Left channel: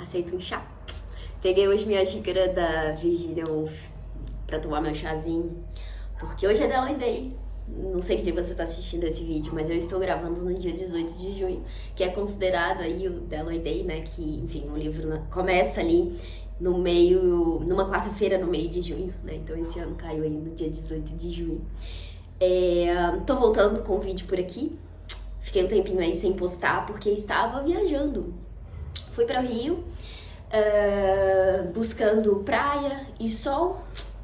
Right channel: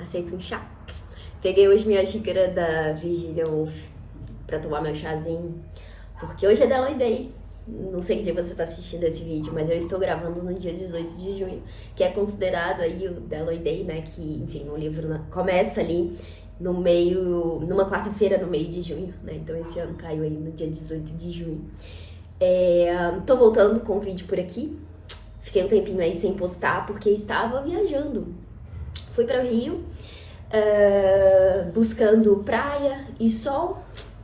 Aceita um chá? Peguei hoje minha xícara da Virginia Woolf pra tomar meu chazinho, porque hoje é Deloy Day. Não sei que dia você tá assistindo esse vídeo, mas eu estou gravando no dia 18 de junho, que é considerado aí o Deloy Day, né? Que, enfim, o livro começa ali no meio, numa quarta-feira no meio de junho, né? Então esse ano caiu aí no dia 18 de junho. Tô voltando com o vídeo por aqui. Fiquei um tempinho aí sem postar porque estava viajando. Fui para o Rio, buscando praia e sol,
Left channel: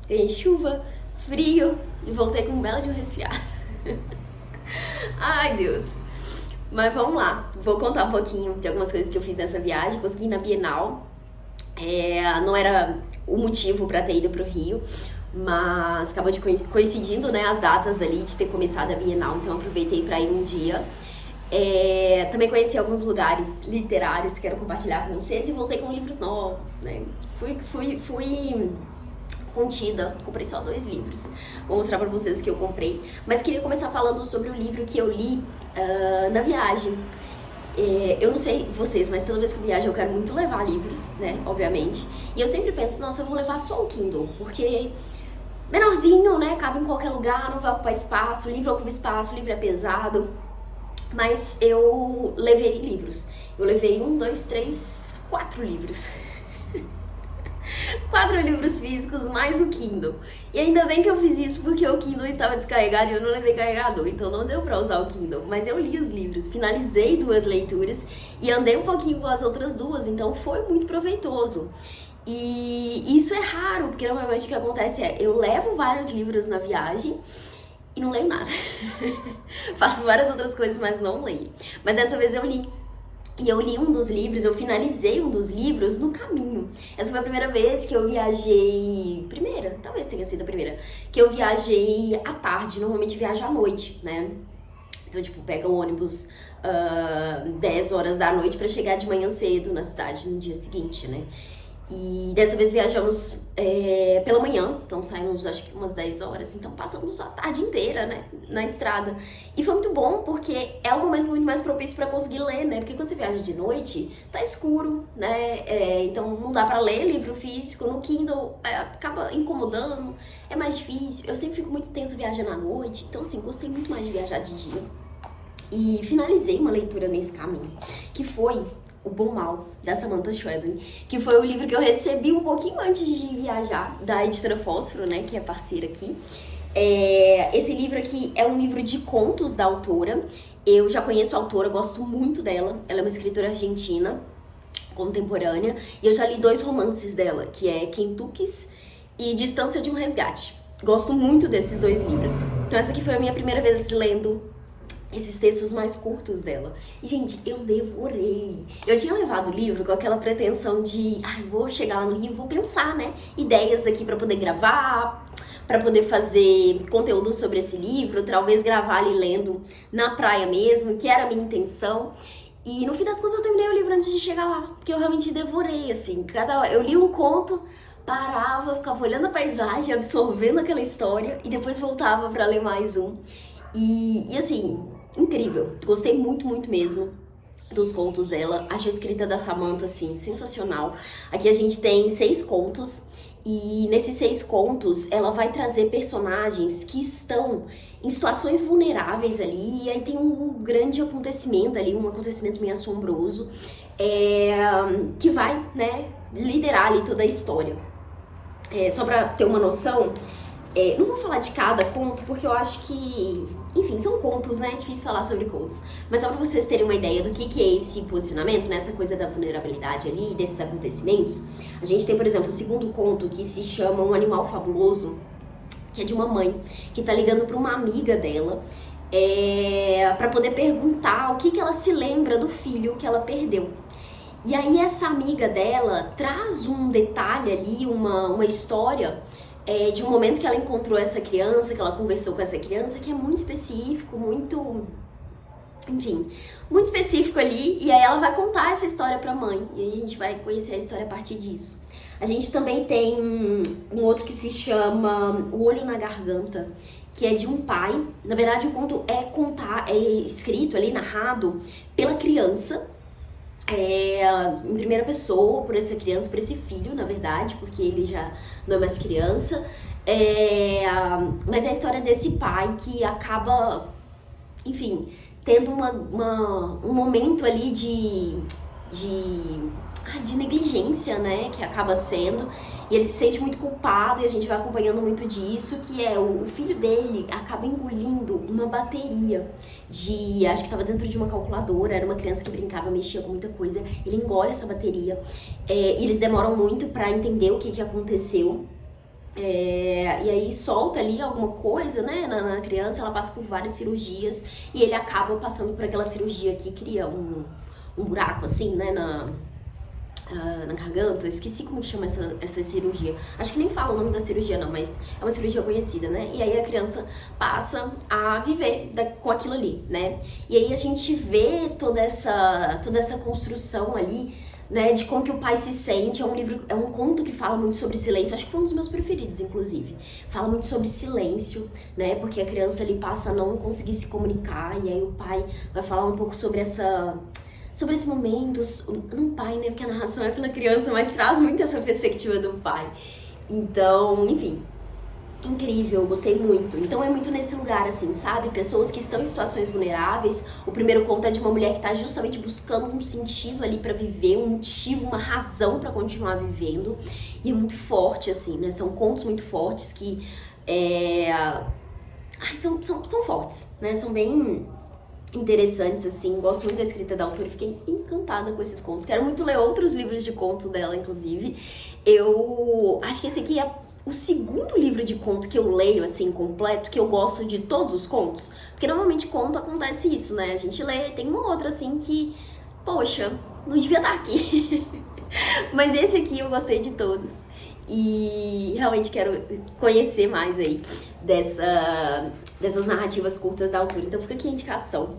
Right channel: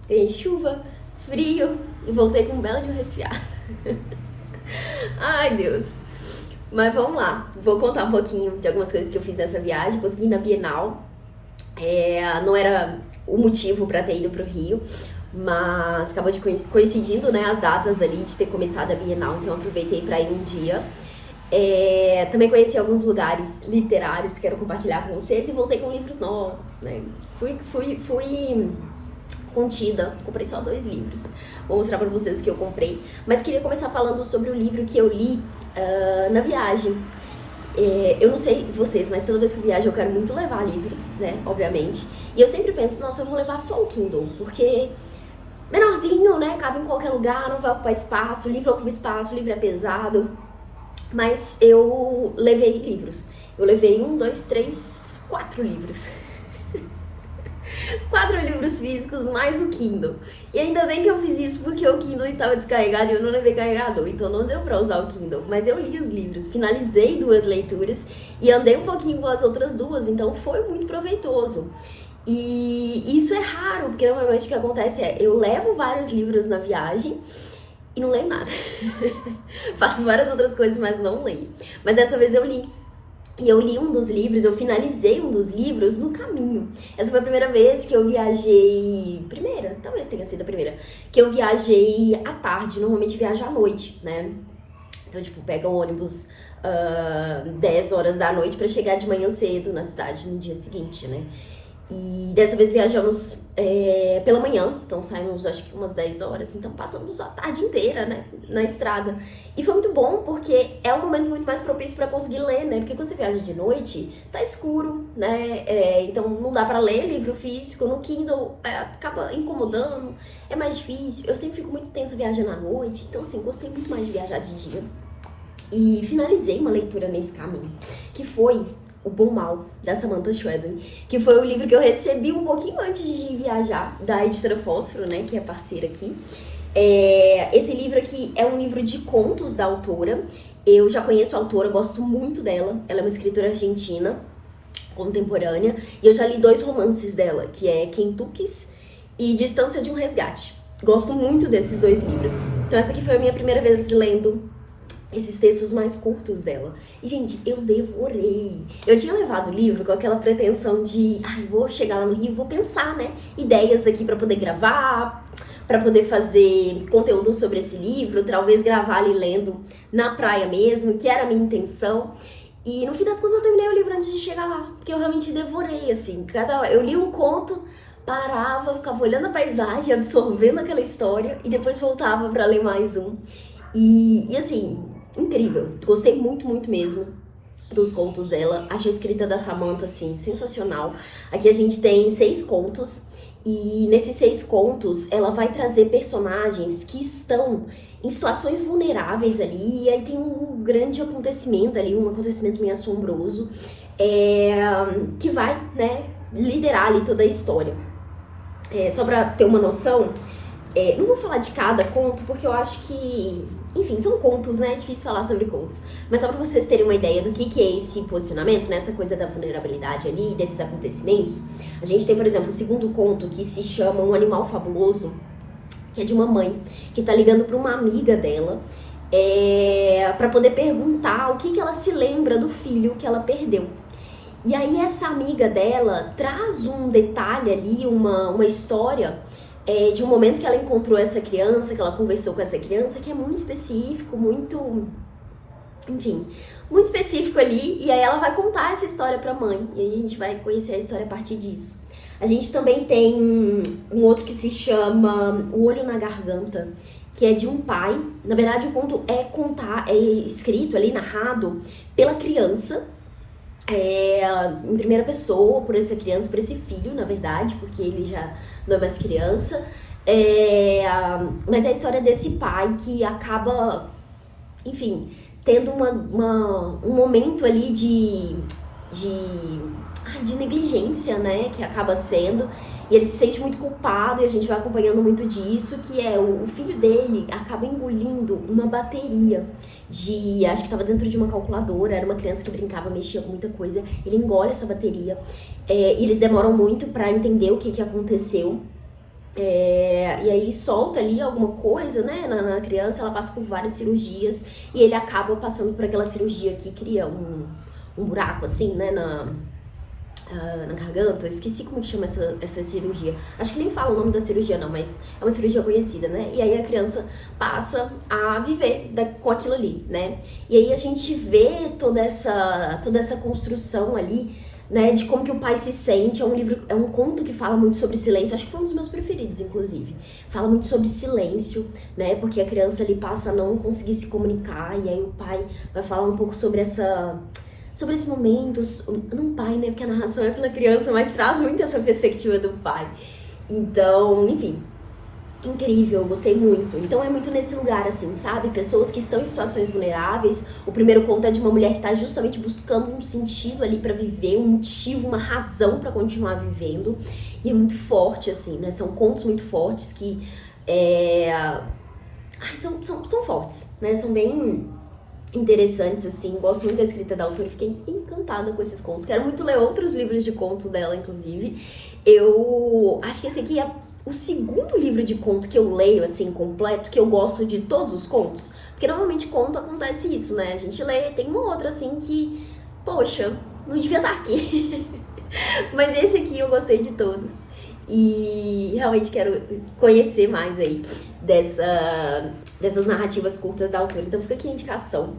ganhei chuva, frio e voltei com um belo de um resfriado. Ai, Deus! Mas vamos lá, vou contar um pouquinho de algumas coisas que eu fiz nessa viagem. Consegui ir na Bienal, não era o motivo para ter ido para o Rio, mas acabou de coincidindo, né, as datas ali de ter começado a Bienal, então aproveitei para ir um dia. Também conheci alguns lugares literários que quero compartilhar com vocês e voltei com livros novos, né? Fui contida, comprei só 2 livros. Vou mostrar pra vocês o que eu comprei, mas queria começar falando sobre o livro que eu li na viagem. Eu não sei vocês, mas toda vez que eu viajo eu quero muito levar livros, né, obviamente. E eu sempre penso, nossa, eu vou levar só o Kindle, porque menorzinho, né, cabe em qualquer lugar, não vai ocupar espaço, o livro ocupa espaço, o livro é pesado. Mas eu levei livros. Eu levei 4 livros. 4 livros físicos, mais o Kindle. E ainda bem que eu fiz isso porque o Kindle estava descarregado e eu não levei carregador. Então não deu pra usar o Kindle. Mas eu li os livros, finalizei 2 leituras e andei um pouquinho com as outras 2. Então foi muito proveitoso. E isso é raro, porque normalmente o que acontece é eu levo vários livros na viagem e não leio nada. Faço várias outras coisas, mas não leio. Mas dessa vez eu li. E eu li um dos livros, eu finalizei um dos livros no caminho. Essa foi a primeira vez que eu viajei... Talvez tenha sido a primeira. Que eu viajei à tarde, normalmente viajo à noite, né? Então, tipo, pega o ônibus 10 horas da noite pra chegar de manhã cedo na cidade no dia seguinte, né? E dessa vez viajamos pela manhã, então saímos acho que umas 10 horas, então passamos a tarde inteira, né, na estrada. E foi muito bom porque é um momento muito mais propício pra conseguir ler, né, porque quando você viaja de noite, tá escuro, né, então não dá pra ler livro físico, no Kindle acaba incomodando, é mais difícil. Eu sempre fico muito tensa viajando à noite, então assim, gostei muito mais de viajar de dia. E finalizei uma leitura nesse caminho, que foi O Bom Mal, da Samantha Schweblin, que foi o livro que eu recebi um pouquinho antes de viajar, da editora Fósforo, né, que é parceira aqui. Esse livro aqui é um livro de contos da autora. Eu já conheço a autora, gosto muito dela. Ela é uma escritora argentina, contemporânea, e eu já li 2 romances dela, que é Quentuques e Distância de um Resgate. Gosto muito desses 2 livros. Então essa aqui foi a minha primeira vez lendo esses textos mais curtos dela. E, gente, eu devorei. Eu tinha levado o livro com aquela pretensão de, vou chegar lá no Rio, vou pensar, né, ideias aqui pra poder gravar, pra poder fazer conteúdo sobre esse livro, talvez gravar ali lendo na praia mesmo, que era a minha intenção. E no fim das contas eu terminei o livro antes de chegar lá, porque eu realmente devorei, assim. Eu li um conto, parava, ficava olhando a paisagem, absorvendo aquela história e depois voltava pra ler mais um. E assim, incrível. Gostei muito, muito mesmo dos contos dela. Achei a escrita da Samantha, assim, sensacional. Aqui a gente tem 6 contos. E nesses 6 contos, ela vai trazer personagens que estão em situações vulneráveis ali. E aí tem um grande acontecimento ali, um acontecimento meio assombroso, que vai, né, liderar ali toda a história. Só pra ter uma noção... não vou falar de cada conto, porque eu acho que, enfim, são contos, né? É difícil falar sobre contos. Mas só pra vocês terem uma ideia do que é esse posicionamento, né? Essa coisa da vulnerabilidade ali, desses acontecimentos. A gente tem, por exemplo, o segundo conto, que se chama Um Animal Fabuloso, que é de uma mãe que tá ligando pra uma amiga dela, pra poder perguntar o que ela se lembra do filho que ela perdeu. E aí essa amiga dela traz um detalhe ali, uma história... de um momento que ela encontrou essa criança, que ela conversou com essa criança, que é muito específico, muito específico ali, e aí ela vai contar essa história pra mãe, e aí a gente vai conhecer a história a partir disso. A gente também tem um outro que se chama O Olho na Garganta, que é de um pai. Na verdade, o conto é escrito ali, narrado pela criança, em primeira pessoa por essa criança, por esse filho, na verdade, porque ele já não é mais criança. Mas é a história desse pai que acaba, enfim, tendo um momento ali de negligência, né, que acaba sendo, e ele se sente muito culpado, e a gente vai acompanhando muito disso, que é o filho dele acaba engolindo uma bateria acho que tava dentro de uma calculadora, era uma criança que brincava, mexia com muita coisa, ele engole essa bateria, e eles demoram muito pra entender o que aconteceu. E aí solta ali alguma coisa, né, na criança, ela passa por várias cirurgias e ele acaba passando por aquela cirurgia que cria um buraco assim, né, na garganta. Eu esqueci como que chama essa cirurgia. Acho que nem fala o nome da cirurgia não, mas é uma cirurgia conhecida, né? E aí a criança passa a viver com aquilo ali, né? E aí a gente vê toda essa construção ali, né, de como que o pai se sente. É um conto que fala muito sobre silêncio, acho que foi um dos meus preferidos, inclusive. Fala muito sobre silêncio, né, porque a criança ali passa a não conseguir se comunicar, e aí o pai vai falar um pouco sobre esse momento, não pai, né, porque a narração é pela criança, mas traz muito essa perspectiva do pai. Então, enfim, incrível, eu gostei muito. Então é muito nesse lugar, assim, sabe? Pessoas que estão em situações vulneráveis. O primeiro conto é de uma mulher que tá justamente buscando um sentido ali pra viver, um motivo, uma razão pra continuar vivendo. E é muito forte, assim, né? São contos muito fortes que são fortes, né? São bem interessantes, assim. Gosto muito da escrita da autora e fiquei encantada com esses contos. Quero muito ler outros livros de conto dela, inclusive. Eu acho que esse aqui é o segundo livro de conto que eu leio, assim, completo, que eu gosto de todos os contos. Porque normalmente conto acontece isso, né? A gente lê, tem uma outra, assim, que, poxa, não devia estar aqui. Mas esse aqui eu gostei de todos. E realmente quero conhecer mais aí dessas narrativas curtas da autora. Então fica aqui a indicação.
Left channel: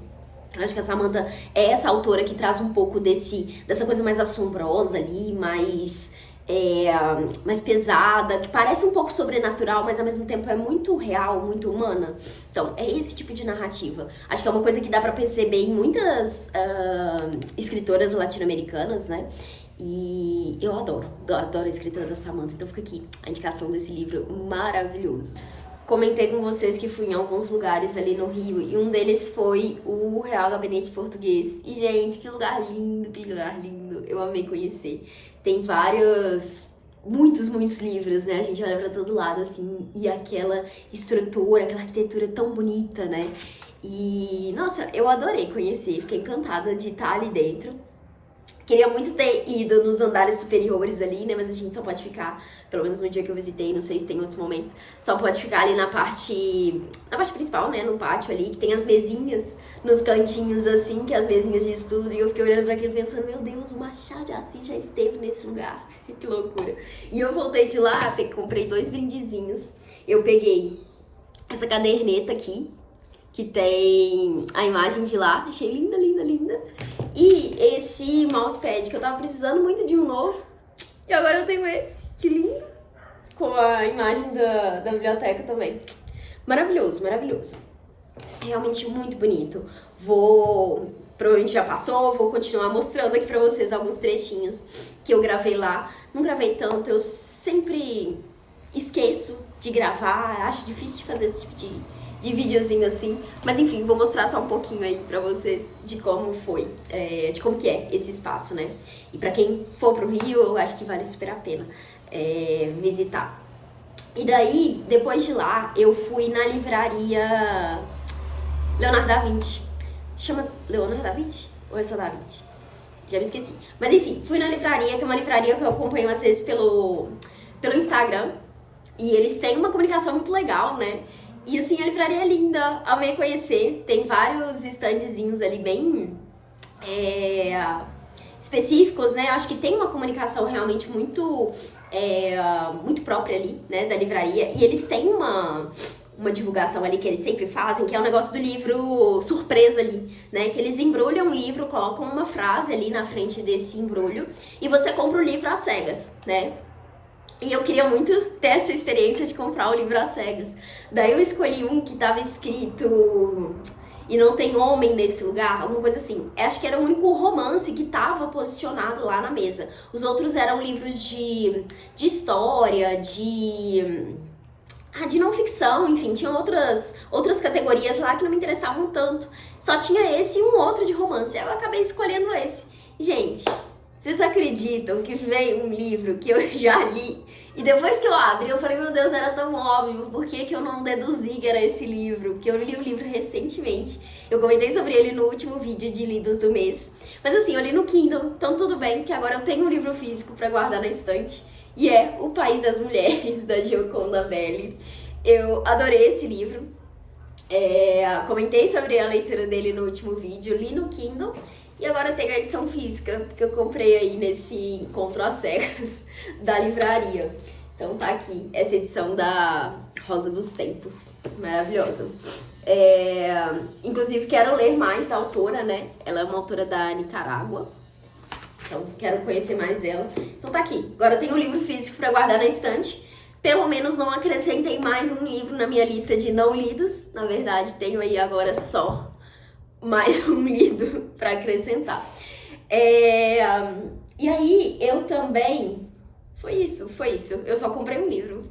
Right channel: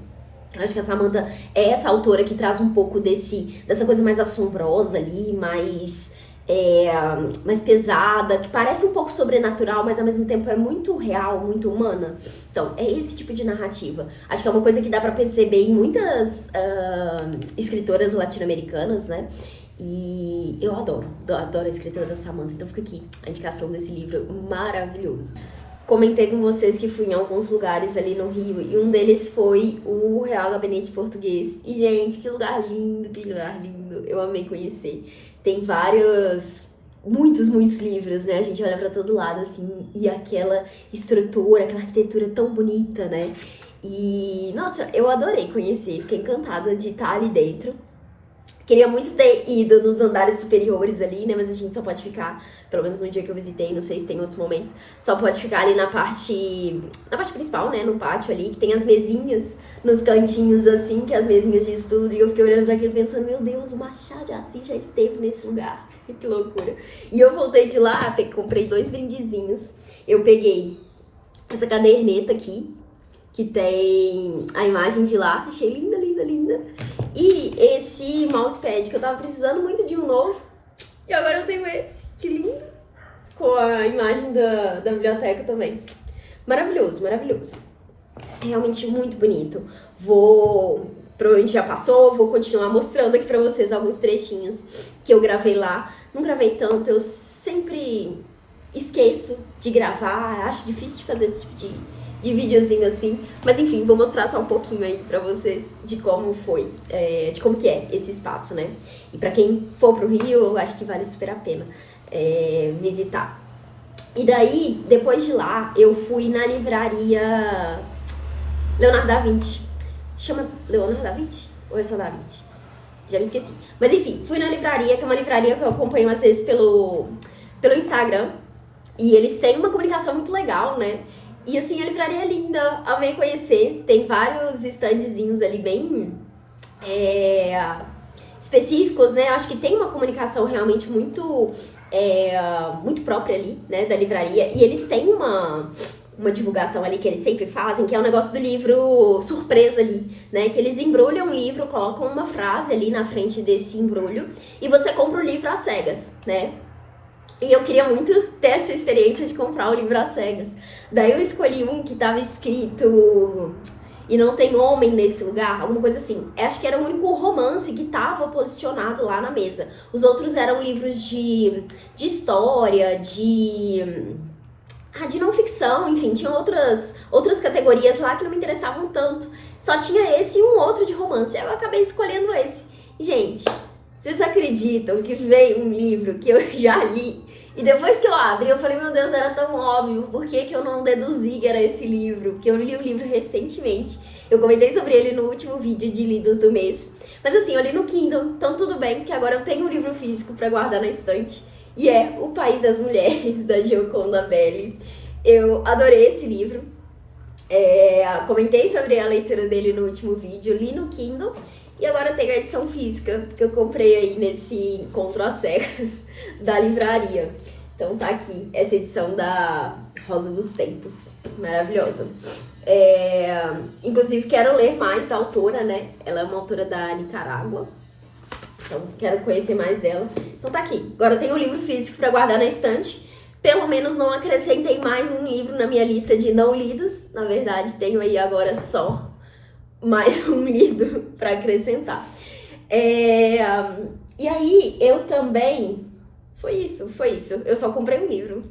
Eu acho que a Samantha é essa autora que traz um pouco dessa coisa mais assombrosa ali, mais pesada, que parece um pouco sobrenatural, mas ao mesmo tempo é muito real, muito humana. Então, é esse tipo de narrativa. Acho que é uma coisa que dá pra perceber em muitas escritoras latino-americanas, né? E eu adoro a escrita da Samantha. Então fica aqui a indicação desse livro maravilhoso. Comentei com vocês que fui em alguns lugares ali no Rio e um deles foi o Real Gabinete Português. E, gente, que lugar lindo, que lugar lindo. Eu amei conhecer. Tem muitos livros, né? A gente olha pra todo lado, assim, e aquela estrutura, aquela arquitetura tão bonita, né? E, nossa, eu adorei conhecer, fiquei encantada de estar ali dentro. Queria muito ter ido nos andares superiores ali, né? Mas a gente só pode ficar, pelo menos no dia que eu visitei, não sei se tem outros momentos, só pode ficar ali na parte principal, né? No pátio ali, que tem as mesinhas nos cantinhos, assim, que é as mesinhas de estudo. E eu fiquei olhando pra aquilo pensando, meu Deus, o Machado de Assis já esteve nesse lugar. Que loucura. E eu voltei de lá, comprei 2 brindezinhos. Eu peguei essa caderneta aqui, que tem a imagem de lá. Achei linda, linda, linda. E esse mousepad, que eu tava precisando muito de um novo. E agora eu tenho esse. Que lindo. Com a imagem da biblioteca também. Maravilhoso, maravilhoso. Realmente muito bonito. Provavelmente já passou, vou continuar mostrando aqui pra vocês alguns trechinhos que eu gravei lá. Não gravei tanto, eu sempre esqueço de gravar. Acho difícil de fazer esse tipo de videozinho assim, mas enfim, vou mostrar só um pouquinho aí pra vocês de como foi, de como que é esse espaço, né? E pra quem for pro Rio, eu acho que vale super a pena visitar. E daí, depois de lá, eu fui na livraria Leonardo da Vinci. Chama Leonardo da Vinci? Ou é só da Vinci? Já me esqueci. Mas enfim, fui na livraria, que é uma livraria que eu acompanho às vezes pelo Instagram. E eles têm uma comunicação muito legal, né? E assim, a livraria é linda, amei conhecer. Tem vários standzinhos ali bem específicos, né? Acho que tem uma comunicação realmente muito própria ali, né, da livraria. E eles têm uma divulgação ali que eles sempre fazem, que é o negócio do livro surpresa ali, né? Que eles embrulham o livro, colocam uma frase ali na frente desse embrulho e você compra o livro às cegas, né? E eu queria muito ter essa experiência de comprar o livro às cegas. Daí eu escolhi um que tava escrito e não tem homem nesse lugar, alguma coisa assim. Eu acho que era o único romance que tava posicionado lá na mesa. Os outros eram livros de história, de não ficção, enfim, tinha outras categorias lá que não me interessavam tanto. Só tinha esse e um outro de romance. Eu acabei escolhendo esse. Gente, vocês acreditam que veio um livro que eu já li? E depois que eu abri, eu falei, meu Deus, era tão óbvio. Por que que eu não deduzi que era esse livro? Porque eu li o livro recentemente. Eu comentei sobre ele no último vídeo de lidos do mês. Mas assim, eu li no Kindle, então tudo bem, que agora eu tenho um livro físico pra guardar na estante. E é O País das Mulheres, da Gioconda Belli. Eu adorei esse livro. Comentei sobre a leitura dele no último vídeo, li no Kindle. E agora eu tenho a edição física, que eu comprei aí nesse encontro às cegas da livraria. Então tá aqui, essa edição da Rosa dos Tempos. Maravilhosa. Inclusive quero ler mais da autora, né? Ela é uma autora da Nicarágua. Então, quero conhecer mais dela. Então tá aqui. Agora eu tenho um livro físico pra guardar na estante. Pelo menos não acrescentei mais um livro na minha lista de não lidos. Na verdade, tenho aí agora só mais um lido pra acrescentar. E aí, eu também... Foi isso. Eu só comprei um livro.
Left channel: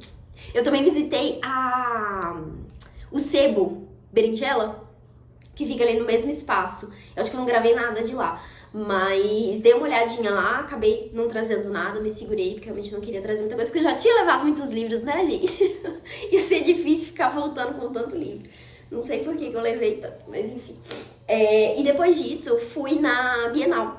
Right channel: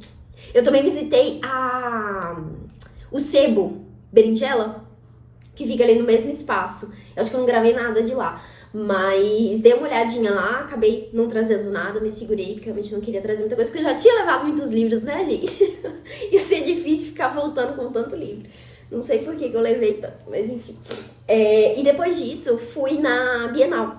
Eu também visitei o Sebo Berinjela, que fica ali no mesmo espaço. Eu acho que eu não gravei nada de lá. Mas dei uma olhadinha lá, acabei não trazendo nada, me segurei, porque realmente não queria trazer muita coisa, porque eu já tinha levado muitos livros, né, gente? Ia ser difícil ficar voltando com tanto livro. Não sei por que eu levei tanto, mas enfim. E depois disso, fui na Bienal.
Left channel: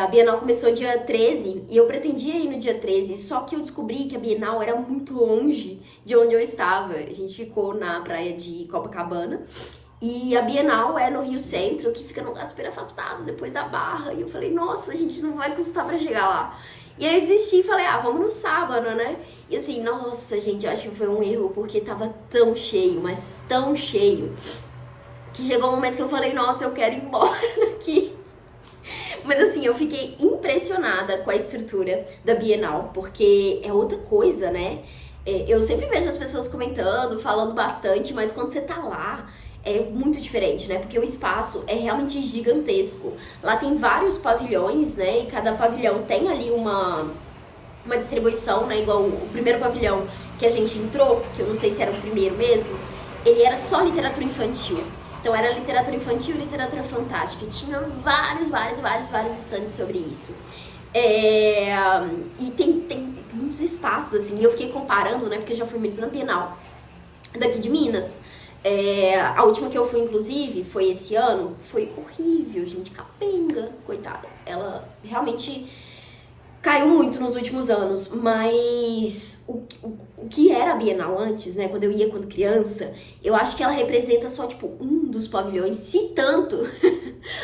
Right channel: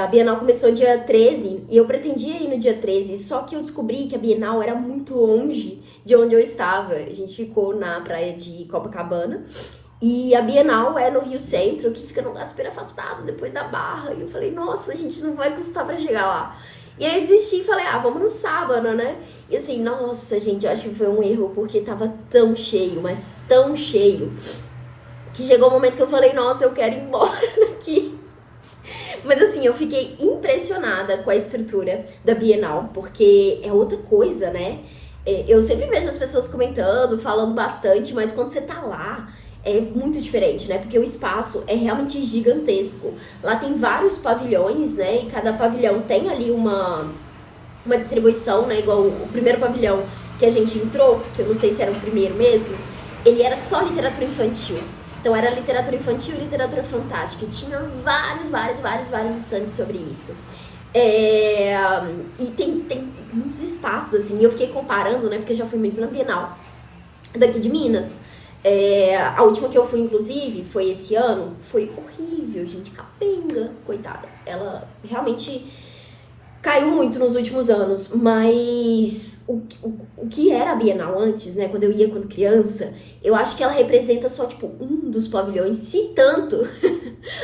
A Bienal começou dia 13 e eu pretendia ir no dia 13, só que eu descobri que a Bienal era muito longe de onde eu estava. A gente ficou na praia de Copacabana. E a Bienal é no Rio Centro, que fica num lugar super afastado, depois da Barra. E eu falei, nossa, a gente não vai custar pra chegar lá. E aí eu desisti e falei, vamos no sábado, né? E assim, nossa, gente, eu acho que foi um erro, porque tava tão cheio, mas tão cheio, que chegou o momento que eu falei, nossa, eu quero ir embora daqui. Mas assim, eu fiquei impressionada com a estrutura da Bienal, porque é outra coisa, né? Eu sempre vejo as pessoas comentando, falando bastante, mas quando você tá lá... é muito diferente, né? Porque o espaço é realmente gigantesco. Lá tem vários pavilhões, né? E cada pavilhão tem ali uma distribuição, né? Igual o primeiro pavilhão que a gente entrou, que eu não sei se era o primeiro mesmo, ele era só literatura infantil. Então era literatura infantil e literatura fantástica. E tinha vários estandes sobre isso. E tem muitos espaços, assim. E eu fiquei comparando, né? Porque eu já fui muito na Bienal daqui de Minas. A última que eu fui, inclusive, foi esse ano. Foi horrível, gente, capenga, coitada. Ela realmente caiu muito nos últimos anos. Mas o que era a Bienal antes, né? Quando eu ia quando criança, eu acho que ela representa só, tipo, um dos pavilhões, se tanto,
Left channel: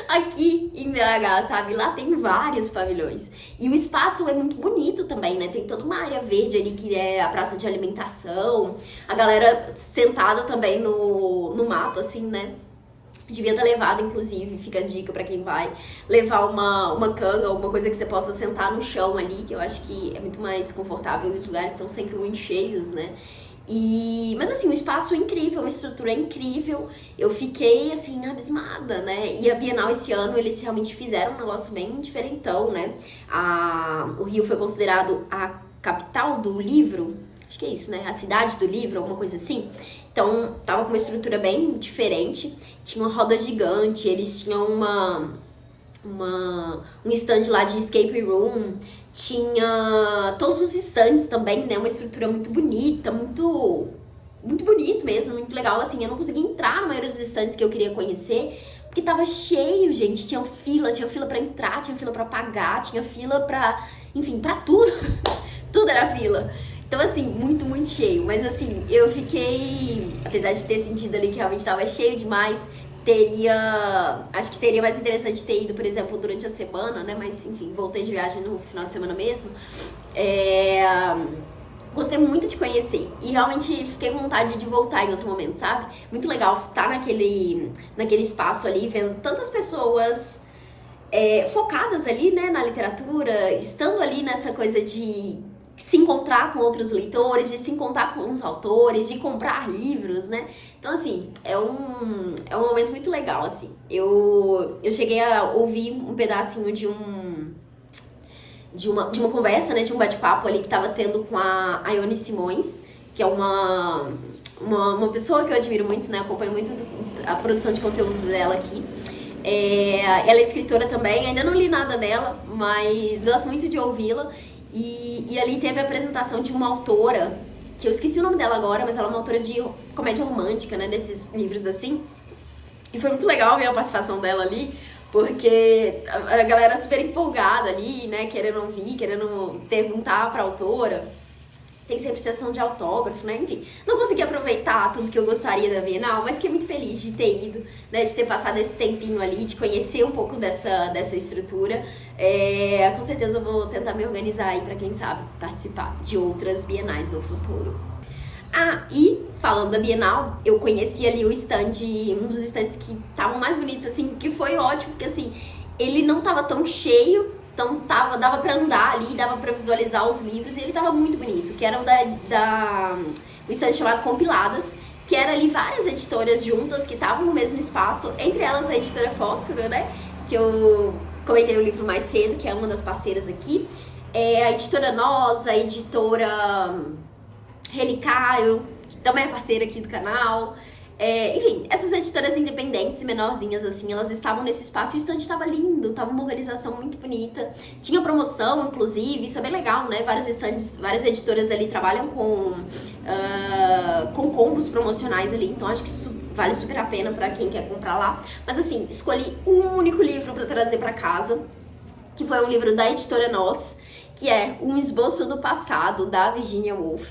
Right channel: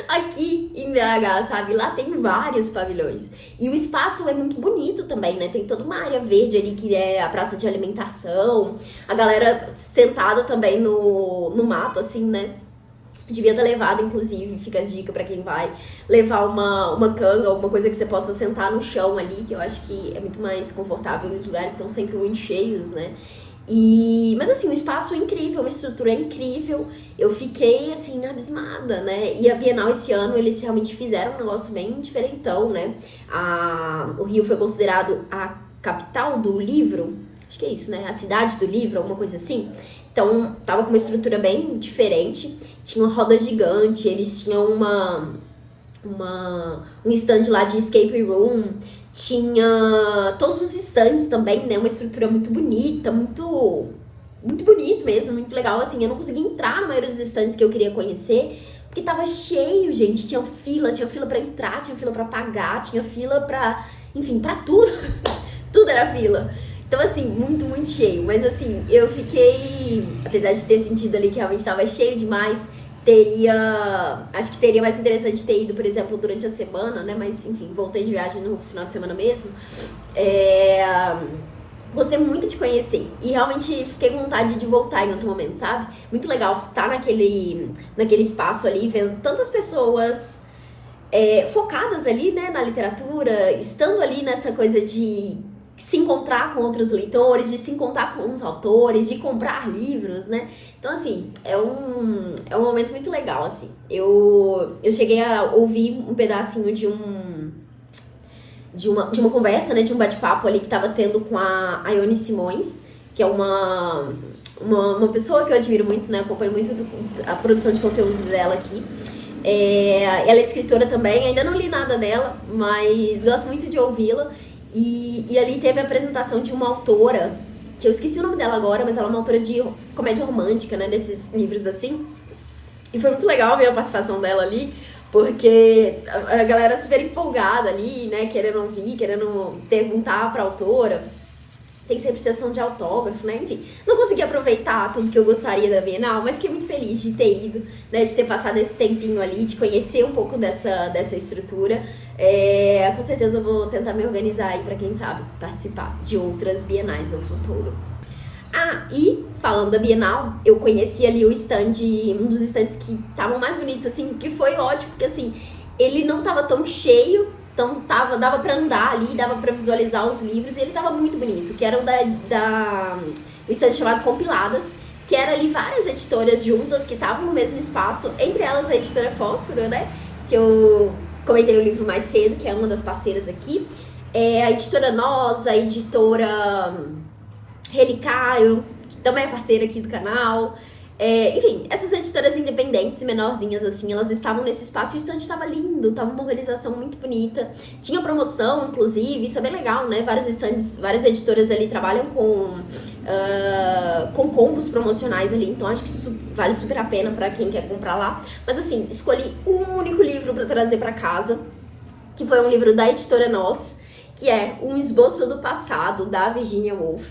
aqui em BH, sabe? Lá tem vários pavilhões. E o espaço é muito bonito também, né? Tem toda uma área verde ali, que é a praça de alimentação. A galera sentada também no mato, assim, né? Devia ter levado, inclusive, fica a dica pra quem vai, levar uma canga, alguma coisa que você possa sentar no chão ali, que eu acho que é muito mais confortável e os lugares estão sempre muito cheios, né? Mas assim, um espaço incrível, uma estrutura incrível, eu fiquei assim, abismada, né? E a Bienal esse ano, eles realmente fizeram um negócio bem diferentão, né? O Rio foi considerado a capital do livro, acho que é isso, né? A cidade do livro, alguma coisa assim. Então, tava com uma estrutura bem diferente, tinha uma roda gigante, eles tinham um stand lá de escape room, tinha todos os stands também, né, uma estrutura muito bonita, muito bonito mesmo, muito legal, assim, eu não consegui entrar na maioria dos stands que eu queria conhecer, porque tava cheio, gente, tinha fila pra entrar, tinha fila pra pagar, tinha fila pra, enfim, pra tudo, tudo era fila. Então, assim, muito cheio. Mas, assim, eu fiquei... Apesar de ter sentido ali que realmente estava cheio demais, acho que seria mais interessante ter ido, por exemplo, durante a semana, né? Mas, enfim, voltei de viagem no final de semana mesmo. Gostei muito de conhecer. E realmente fiquei com vontade de voltar em outro momento, sabe? Muito legal estar naquele espaço ali, vendo tantas pessoas... focadas ali, né, na literatura, estando ali nessa coisa de se encontrar com outros leitores, de se encontrar com os autores, de comprar livros, né? Então, assim, é um momento muito legal, assim. Eu cheguei a ouvir um pedacinho de uma conversa, né? De um bate-papo ali que tava tendo com a Ione Simões, que é uma pessoa que eu admiro muito, né? Acompanho muito a produção de conteúdo dela aqui. Ela é escritora também, ainda não li nada dela, mas gosto muito de ouvi-la. E ali teve a apresentação de uma autora, que eu esqueci o nome dela agora, mas ela é uma autora de comédia romântica, né, desses livros assim. E foi muito legal ver a participação dela ali, porque a galera super empolgada ali, né, querendo ouvir, querendo perguntar pra autora. Tem sempre sessão de autógrafo, né? Enfim, não consegui aproveitar tudo que eu gostaria da Bienal, mas fiquei muito feliz de ter ido, né? De ter passado esse tempinho ali, de conhecer um pouco dessa estrutura. Com certeza eu vou tentar me organizar aí pra, quem sabe, participar de outras Bienais no futuro. Ah, e falando da Bienal, eu conheci ali o stand, um dos stands que estavam mais bonitos, assim, que foi ótimo, porque assim, ele não tava tão cheio, então dava pra andar ali, dava pra visualizar os livros, e ele tava muito bonito, que era o stand chamado Compiladas, que era ali várias editoras juntas que estavam no mesmo espaço, entre elas a editora Fósforo, né, que eu comentei o livro mais cedo, que é uma das parceiras aqui, a editora Nós, a editora Relicário, que também é parceira aqui do canal. Enfim, essas editoras independentes e menorzinhas, assim, elas estavam nesse espaço e o stand estava lindo, tava uma organização muito bonita. Tinha promoção, inclusive, isso é bem legal, né? Vários stands, várias editoras ali trabalham com combos promocionais ali, então acho que isso vale super a pena pra quem quer comprar lá. Mas assim, escolhi um único livro pra trazer pra casa, que foi um livro da editora Nós, que é Um Esboço do Passado, da Virginia Woolf.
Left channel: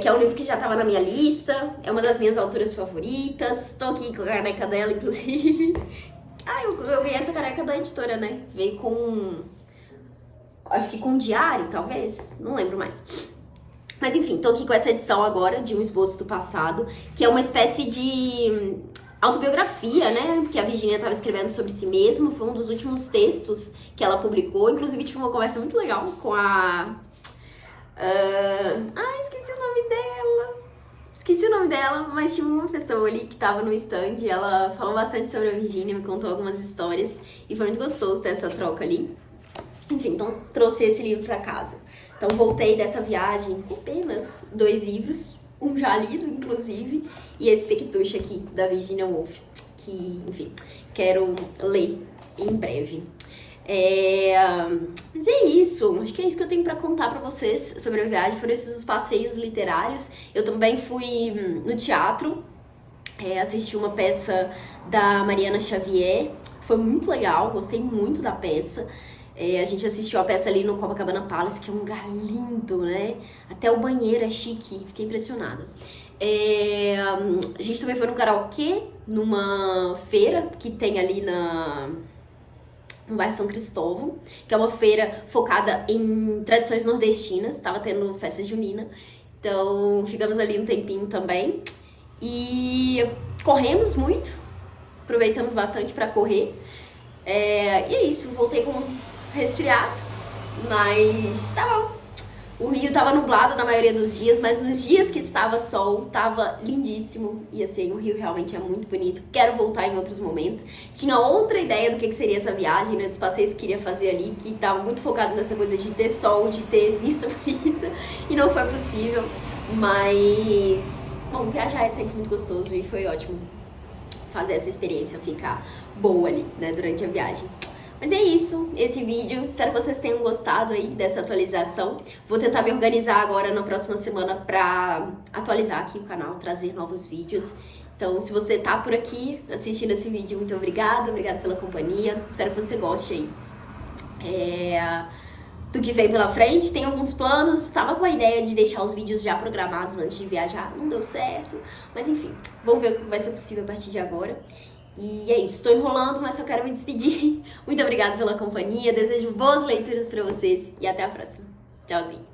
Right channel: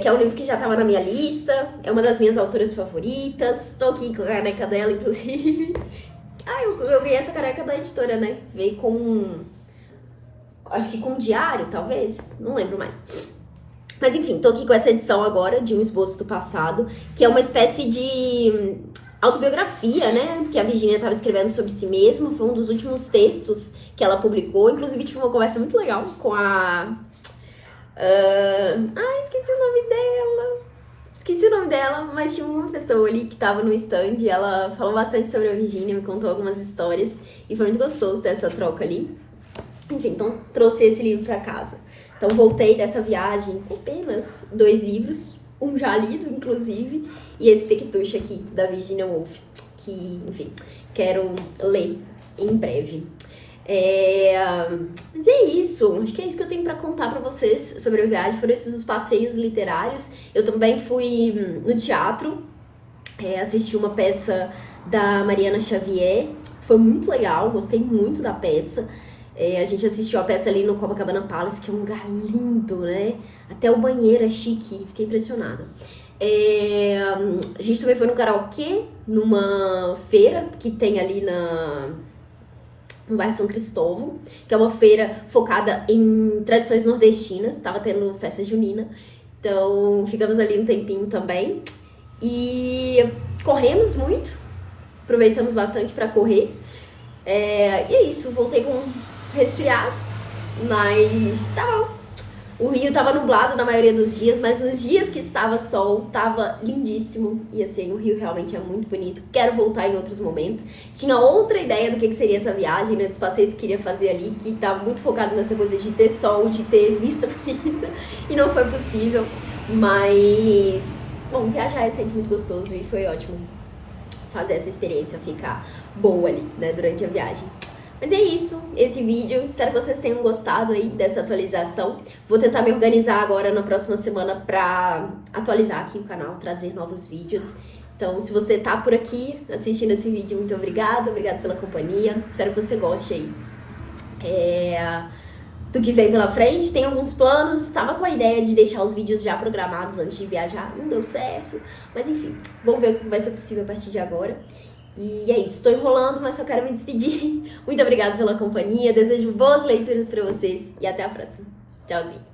Que é um livro que já estava na minha lista, é uma das minhas autoras favoritas, tô aqui com a caneca dela, inclusive. Eu ganhei essa caneca da editora, né? Veio com, acho que com um diário, talvez, não lembro mais. Mas enfim, tô aqui com essa edição agora, de Um Esboço do Passado, que é uma espécie de autobiografia, né? Que a Virginia estava escrevendo sobre si mesma, foi um dos últimos textos que ela publicou, inclusive tive uma conversa muito legal com a... esqueci o nome dela, mas tinha uma pessoa ali que tava no stand e ela falou bastante sobre a Virginia, me contou algumas histórias e foi muito gostoso ter essa troca ali. Enfim, então trouxe esse livro pra casa. Então voltei dessa viagem com apenas 2 livros, um já lido, inclusive, e esse Pequetuche aqui, da Virginia Woolf, que, enfim, quero ler em breve. Mas é isso, acho que é isso que eu tenho pra contar pra vocês sobre a viagem. Foram esses os passeios literários. Eu também fui no teatro, assisti uma peça da Mariana Xavier, foi muito legal, gostei muito da peça. A gente assistiu a peça ali no Copacabana Palace, que é um lugar lindo, né? Até o banheiro é chique, fiquei impressionada. A gente também foi no karaokê, numa feira que tem ali no bairro São Cristóvão, que é uma feira focada em tradições nordestinas, tava tendo festa junina, então ficamos ali um tempinho também. E corremos muito, aproveitamos bastante para correr. E é isso, voltei com resfriado, mas tá bom. O Rio tava nublado na maioria dos dias, mas nos dias que estava sol, tava lindíssimo. E assim, o Rio realmente é muito bonito. Quero voltar em outros momentos. Tinha outra ideia do que seria essa viagem, né? Dos passeios que queria fazer ali, que tava muito focado nessa coisa de ter sol, de ter vista bonita. E não foi possível. Mas, bom, viajar é sempre muito gostoso e foi ótimo fazer essa experiência ficar boa ali, né? Durante a viagem. Mas é isso, esse vídeo, espero que vocês tenham gostado aí dessa atualização. Vou tentar me organizar agora na próxima semana pra atualizar aqui o canal, trazer novos vídeos. Então, se você tá por aqui assistindo esse vídeo, muito obrigada pela companhia. Espero que você goste aí do que vem pela frente. Tem alguns planos, tava com a ideia de deixar os vídeos já programados antes de viajar, não deu certo. Mas enfim, vamos ver o que vai ser possível a partir de agora. E é isso, estou enrolando, mas só quero me despedir. Muito obrigada pela companhia, desejo boas leituras para vocês e até a próxima. Tchauzinho.